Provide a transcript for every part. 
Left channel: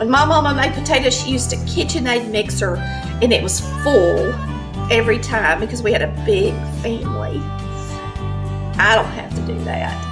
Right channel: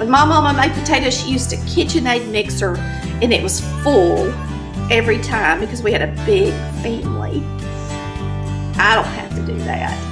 When my mama made potatoes, she used a KitchenAid mixer, and it was full every time because we had a big family. I don't have to do that.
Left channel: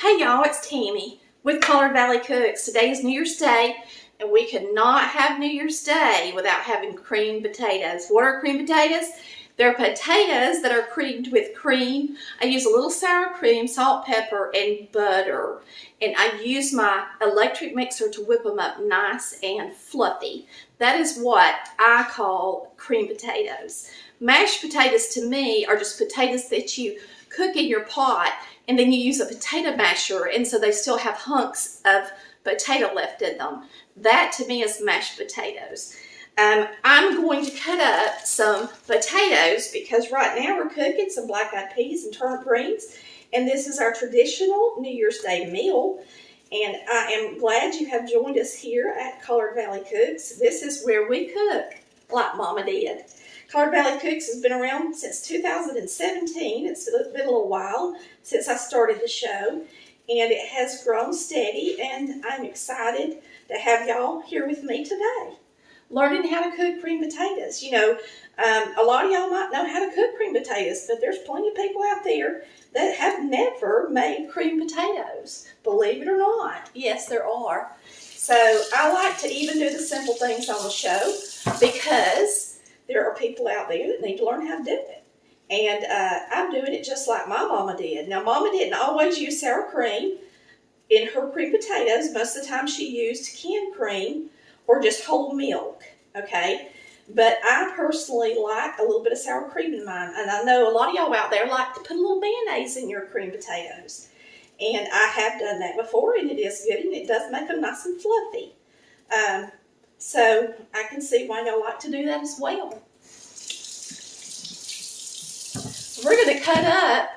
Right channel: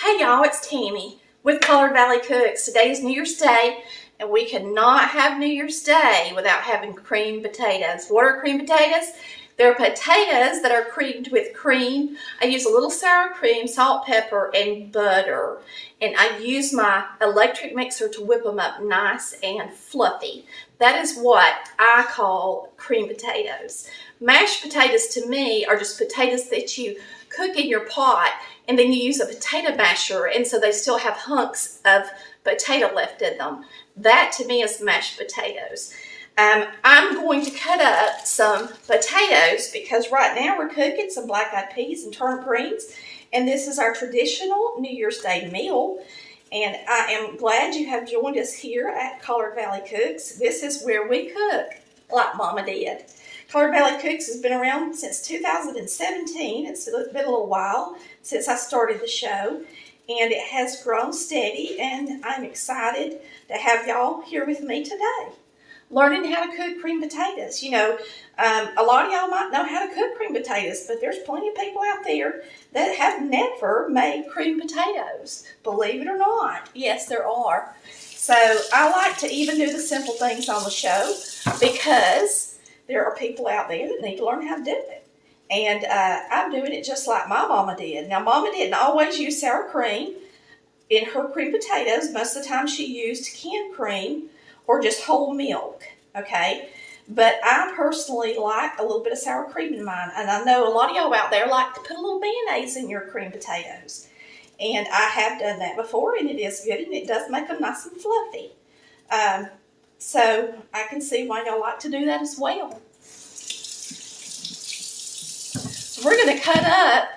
Hey y'all, it's Tammy with Collard Valley Cooks. Today is New Year's Day, and we cannot have New Year's Day without having creamed potatoes. What are creamed potatoes? They're potatoes that are creamed with cream. I use a little sour cream, salt, pepper, and butter. And I use my electric mixer to whip them up nice and fluffy. That is what I call creamed potatoes. Mashed potatoes to me are just potatoes that you cook in your pot, and then you use a potato masher, and so they still have hunks of potato left in them. That to me is mashed potatoes. I'm going to cut up some potatoes because right now we're cooking some black-eyed peas and turnip greens, and this is our traditional New Year's Day meal. And I am glad you have joined us here at Collard Valley Cooks. This is where we cook like Mama did. Collard Valley Cooks has been around since 2017. It's been a little while since I started the show, and it has grown steady, and I'm excited to have y'all here with me today, learning how to cook creamed potatoes. You know, a lot of y'all might know how to cook creamed potatoes, but there's plenty of people out there that have never made creamed potatoes, believe it or not. Yes, there are. So I like to even do the simple things on the show because there are people out there that need to learn how to do it. And I'm doing it just like my mama did. Now, Mama didn't always use sour cream in her creamed potatoes. Most of the time she used canned cream or just whole milk, okay? But I personally like a little bit of sour cream in mine. And I know a lot of y'all out there like to put a little mayonnaise in your creamed potatoes. And I have done that before, and it is good, and it does make them nice and fluffy. So I can see why y'all like to do that as well. So we're going to cut up.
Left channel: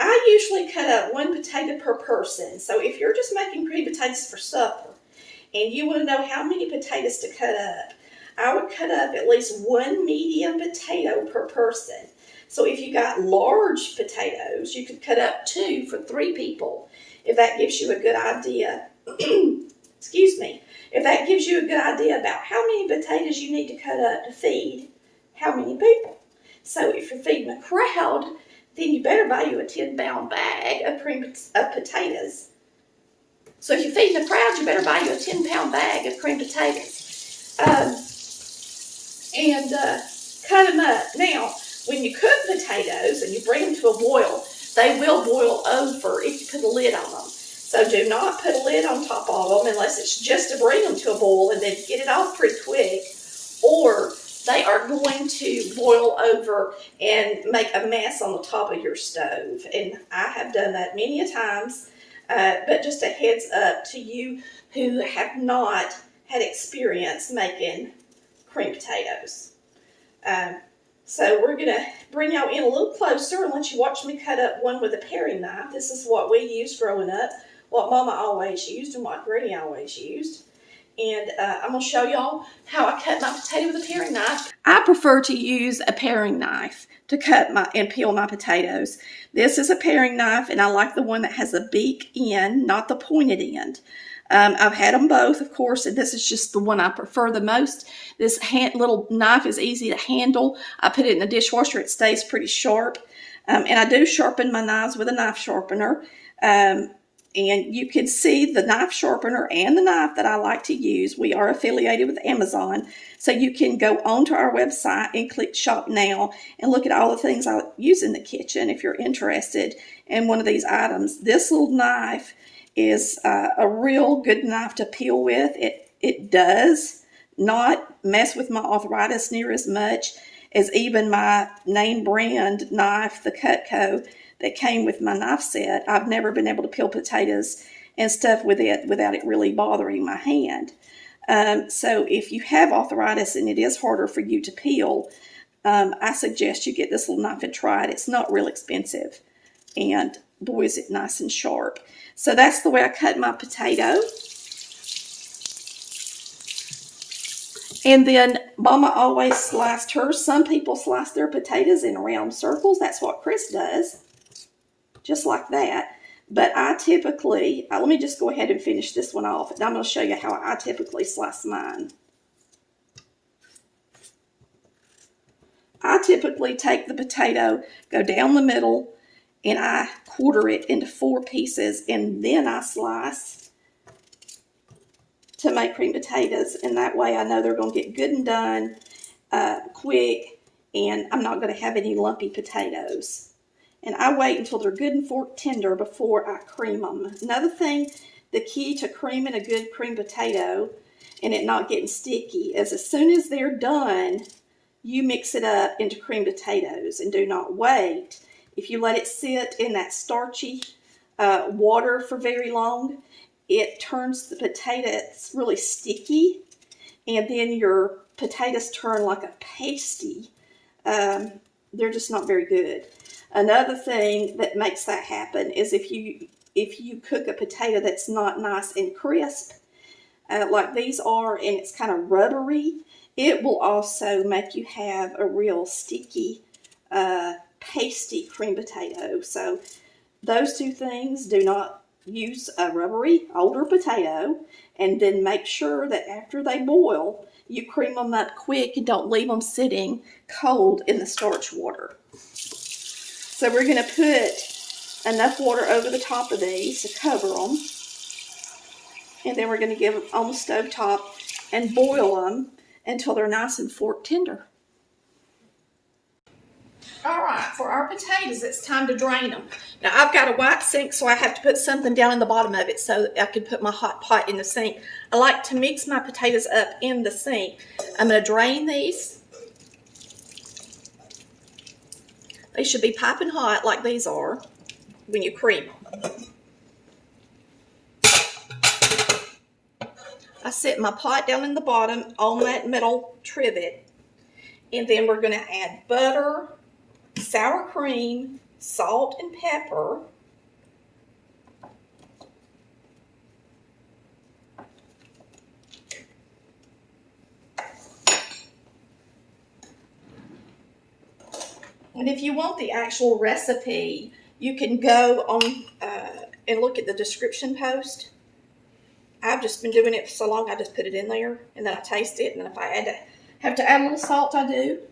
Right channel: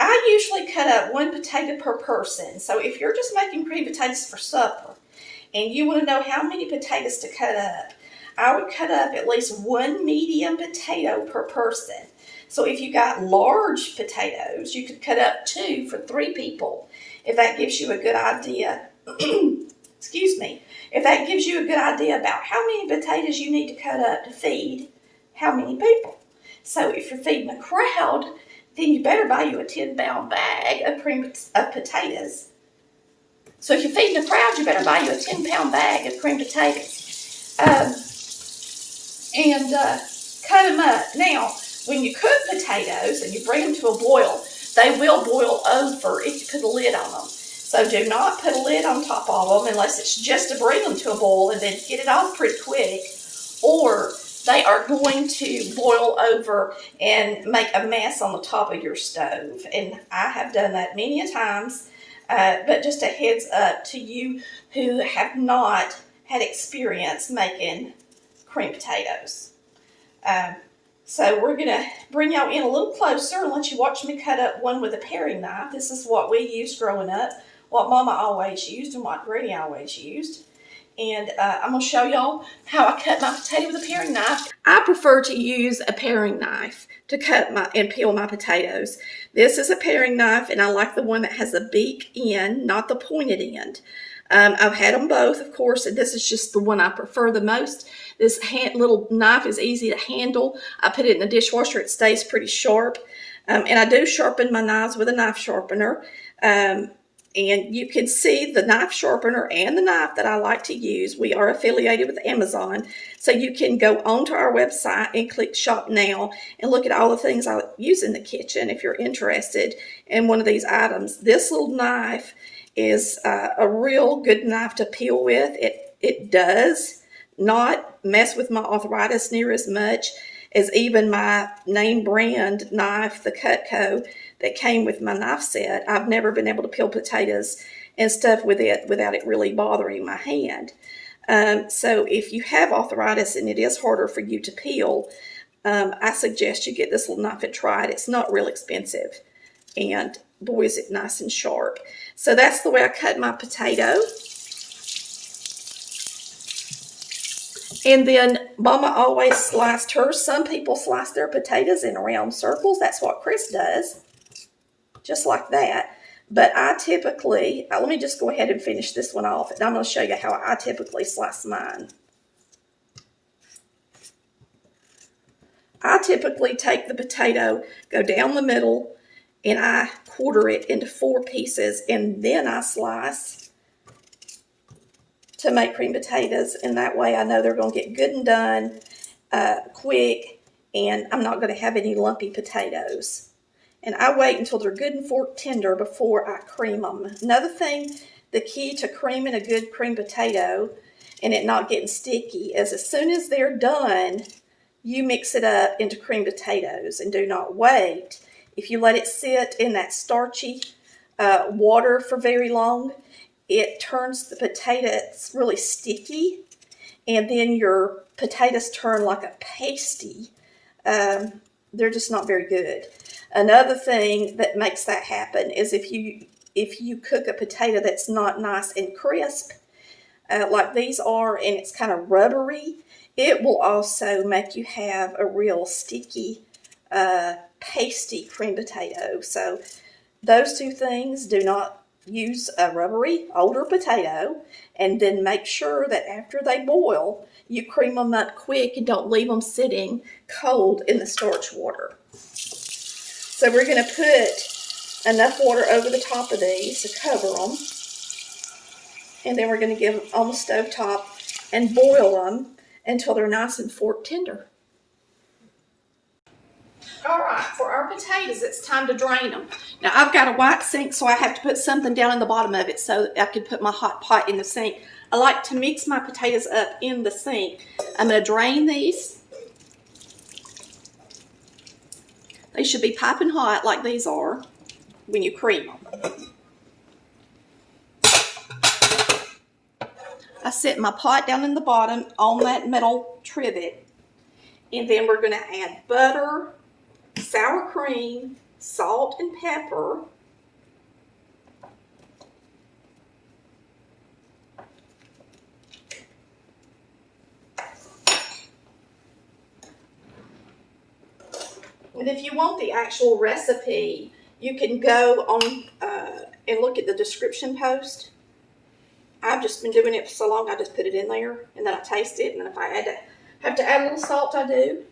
I usually cut up one potato per person. So if you're just making creamed potatoes for supper and you want to know how many potatoes to cut up, I would cut up at least one medium potato per person. So if you got large potatoes, you could cut up 2 for 3 people, if that gives you a good idea. Excuse me. If that gives you a good idea about how many potatoes you need to cut up to feed how many people. So if you're feeding a crowd, then you better buy you a 10-pound bag of potatoes. So if you're feeding a crowd, you better buy you a 10-pound bag of creamed potatoes. And cut them up. Now, when you cook potatoes and you bring them to a boil, they will boil over if you put a lid on them. So do not put a lid on top of them unless it's just to bring them to a boil and then get it off pretty quick, or they are going to boil over and make a mess on the top of your stove. And I have done that many a times, but just a heads up to you who have not had experience making creamed potatoes. So we're going to bring y'all in a little closer and let you watch me cut up one with a paring knife. This is what we used growing up, what Mama always used and what Granny always used. And I'm going to show y'all how I cut my potato with a paring knife. I prefer to use a paring knife to cut and peel my potatoes. This is a paring knife, and I like the one that has a beak end, not the pointed end. I've had them both, of course, and this is just the one I prefer the most. This little knife is easy to handle. I put it in the dishwasher. It stays pretty sharp. And I do sharpen my knives with a knife sharpener. And you can see the knife sharpener and the knife that I like to use. We are affiliated with Amazon. So you can go onto our website and click Shop Now and look at all the things I use in the kitchen if you're interested in one of these items. This little knife is a real good knife to peel with. It does not mess with my arthritis near as much as even my name brand knife, the Cutco, that came with my knife set. I've never been able to peel potatoes and stuff with it without it really bothering my hand. So if you have arthritis and it is harder for you to peel, I suggest you get this little knife and try it. It's not real expensive, and boy, is it nice and sharp. So that's the way I cut my potato. And then Mama always sliced hers. Some people slice their potatoes in round circles. That's what Chris does, just like that. But I typically, let me just go ahead and finish this one off. And I'm going to show you how I typically slice mine. I typically take the potato, go down the middle, and I quarter it into 4 pieces, and then I slice to make cream potatoes, and that way I know they're going to get good and done quick, and I'm not going to have any lumpy potatoes. And I wait until they're good and fork tender before I cream them. Another thing, the key to creaming a good cream potato and it not getting sticky is as soon as they're done, you mix it up into cream potatoes and do not wait. If you let it sit in that starchy water for very long, it turns the potatoes really sticky, and then your potatoes turn like a pasty. They're just not very good. Another thing that makes that happen is if you cook a potato that's not nice and crisp, like these are, and it's kind of rubbery, it will also make you have a real sticky, pasty cream potato. So those two things, do not use a rubbery older potato, and then make sure that after they boil, you cream them up quick and don't leave them sitting cold in the starch water. So we're going to put enough water over the top of these to cover them, and then we're going to give them on the stove top and boil them until they're nice and fork tender. All right, for our potatoes, it's time to drain them. Now, I've got a white sink, so I have to put something down in the bottom of it so that I can put my hot pot in the sink. I like to mix my potatoes up in the sink. I'm going to drain these. They should be piping hot like these are when you cream them. I set my pot down in the bottom on that metal trivet, and then we're going to add butter, sour cream, salt, and pepper. And if you want the actual recipe, you can go on and look at the description post. I've just been doing it for so long, I just put it in there, and then I taste it, and then if I have to add a little salt, I do.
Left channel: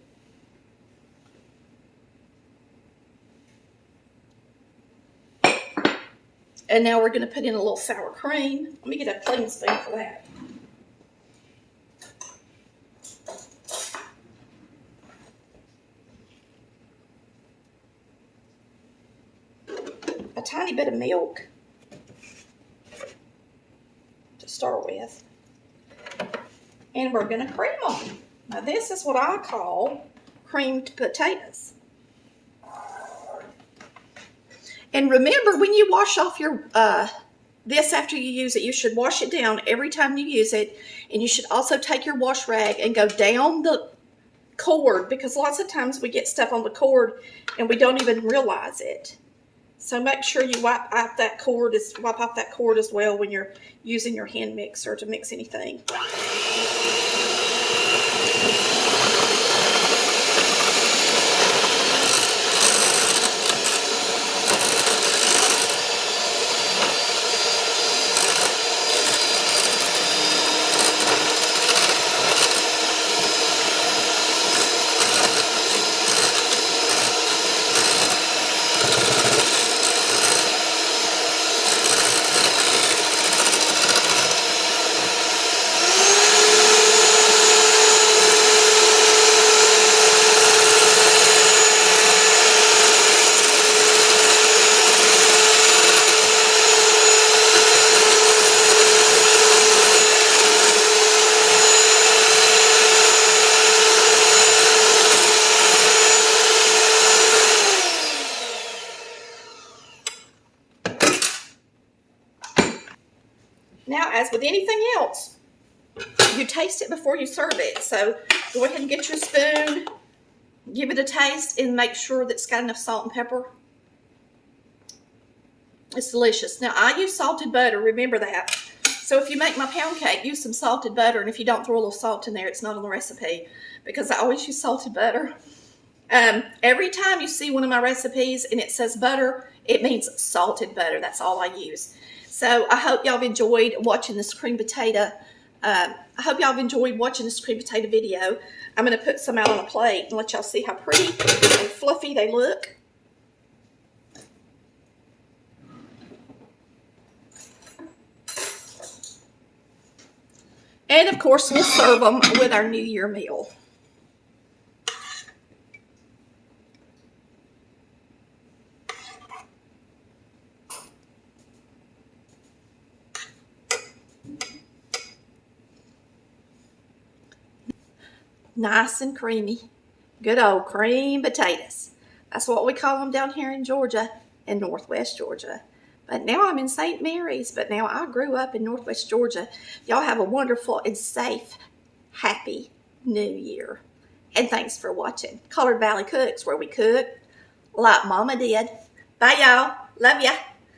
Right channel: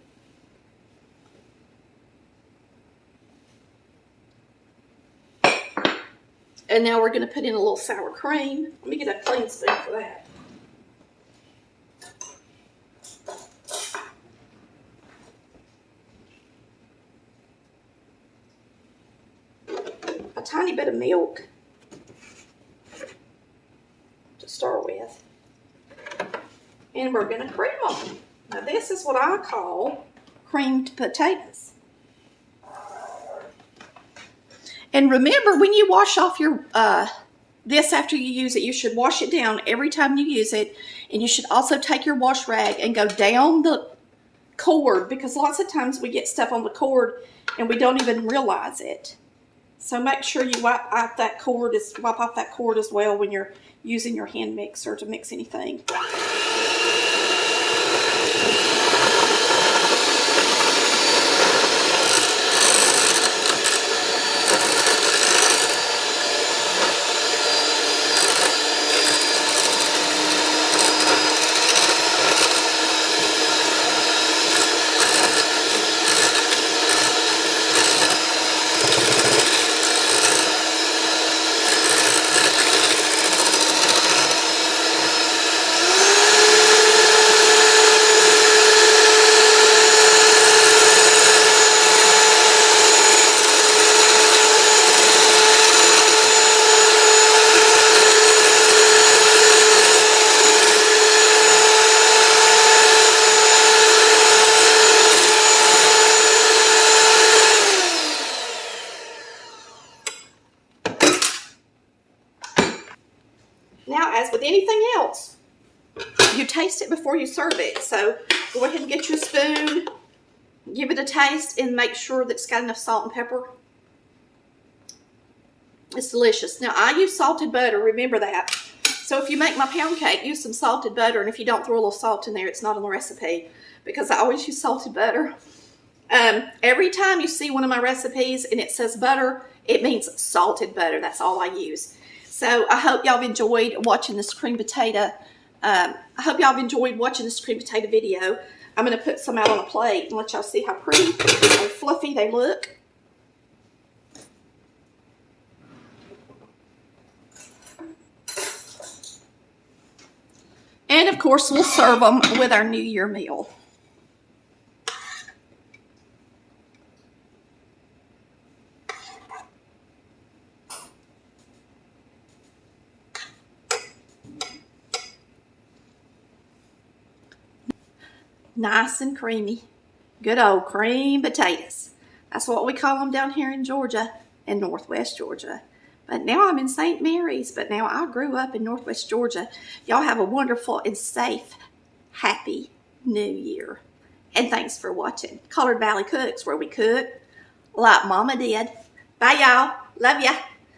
And now we're going to put in a little sour cream. Let me get a clean spoon for that. A tiny bit of milk to start with. And we're going to cream them. Now this is what I call creamed potatoes. And remember, when you wash off your this after you use it, you should wash it down every time you use it. And you should also take your wash rag and go down the cord, because lots of times we get stuff on the cord and we don't even realize it. So make sure you wipe off that cord as well when you're using your hand mixer to mix anything. Now, as with anything else, you taste it before you serve it. So go ahead and get your spoon, give it a taste, and make sure that it's got enough salt and pepper. It's delicious. Now, I use salted butter, remember that. So if you make my pound cake, use some salted butter, and if you don't throw a little salt in there, it's not on the recipe, because I always use salted butter. Every time you see one of my recipes and it says butter, it means salted butter. That's all I use. So I hope y'all have enjoyed watching this cream potato. Video. I'm going to put some out on a plate and let y'all see how pretty and fluffy they look. And of course, we'll serve them with our New Year meal. Nice and creamy. Good old cream potatoes. That's what we call them down here in Georgia, in Northwest Georgia. But now I'm in St. Mary's, but now I grew up in Northwest Georgia. Y'all have a wonderful and safe, happy New Year. And thanks for watching Colored Valley Cooks, where we cook like Mama did. Bye, y'all. Love ya.